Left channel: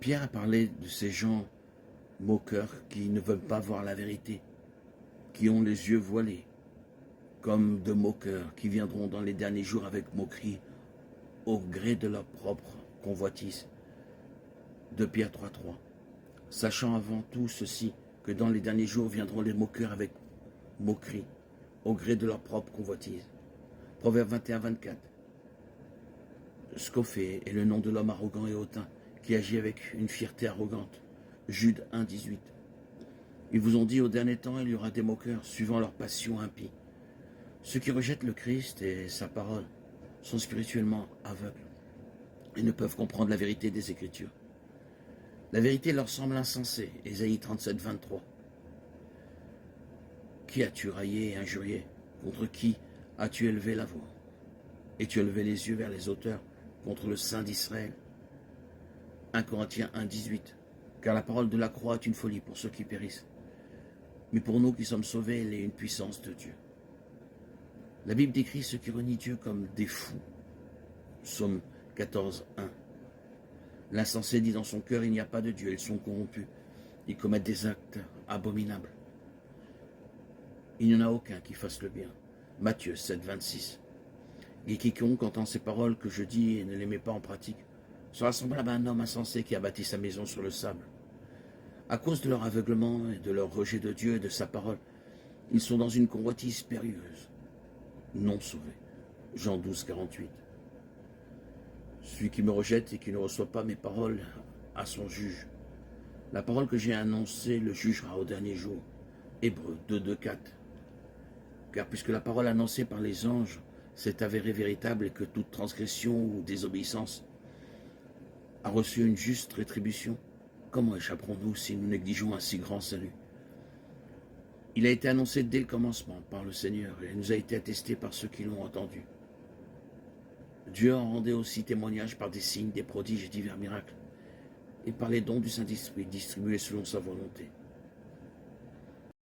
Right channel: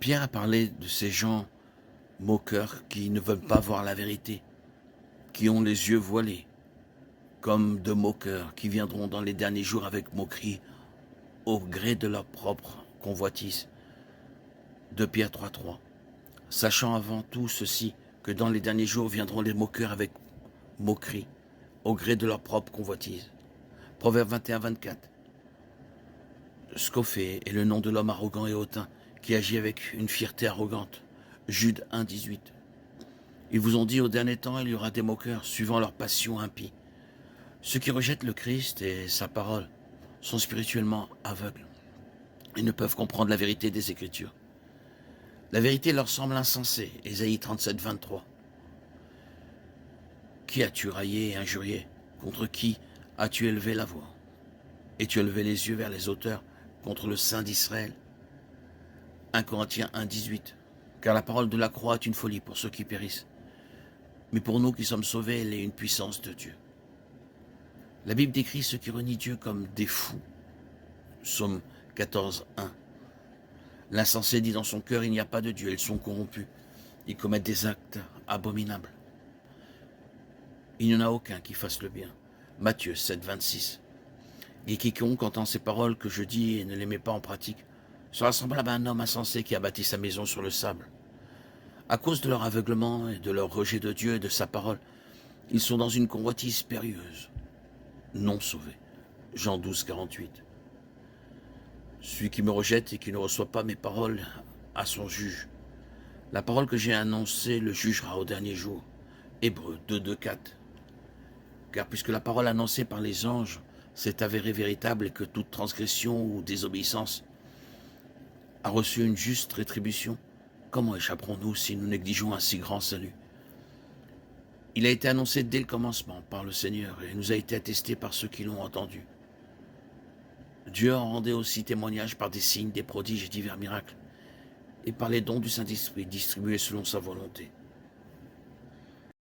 Pierre a parlé de ces gens moqueurs qui ne veulent pas voir la vérité, qui ont les yeux voilés, comme de moqueurs qui viendront dans les derniers jours avec moquerie au gré de leur propre convoitise. De Pierre 3.3. Sachant avant tout ceci, que dans les derniers jours viendront les moqueurs avec moquerie, au gré de leur propre convoitise. Proverbe 21.24. Scophé est le nom de l'homme arrogant et hautain, qui agit avec une fierté arrogante. Jude 1.18. Ils vous ont dit au dernier temps, il y aura des moqueurs, suivant leur passion impie. Ceux qui rejettent le Christ et sa parole sont spirituellement aveugles et ne peuvent comprendre la vérité des Écritures. La vérité leur semble insensée. Ésaïe 37.23. Qui as-tu raillé et injurié? Contre qui as-tu élevé la voix? Et-tu élevé les yeux vers les auteurs contre le Saint d'Israël? 1 Corinthiens 1.18. Car la parole de la croix est une folie pour ceux qui périssent. Mais pour nous qui sommes sauvés, elle est une puissance de Dieu. La Bible décrit ceux qui renient Dieu comme des fous. Psaume 14.1. L'insensé dit dans son cœur, il n'y a pas de Dieu, ils sont corrompus. Ils commettent des actes abominables. Il n'y en a aucun qui fasse le bien. Matthieu 7.26. Et quiconque entend ces paroles que je dis et ne les met pas en pratique sera semblable à un homme insensé qui a bâti sa maison sur le sable. À cause de leur aveuglement et de leur rejet de Dieu et de sa parole, ils sont dans une convoitise périlleuse, non sauvés. Jean 12.48. Celui qui me rejette et qui ne reçoit pas mes paroles a son juge. La parole que j'ai annoncée le jugera au dernier jour. Hébreux 2.2.4. Car puisque la parole annoncée par les anges s'est avérée véritable et que toute transgression ou désobéissance a reçu une juste rétribution, comment échapperons-nous si nous négligeons un si grand salut? Il a été annoncé dès le commencement par le Seigneur et nous a été attesté par ceux qui l'ont entendu. Dieu en rendait aussi témoignage par des signes, des prodiges et divers miracles, et par les dons du Saint-Esprit distribués selon sa volonté.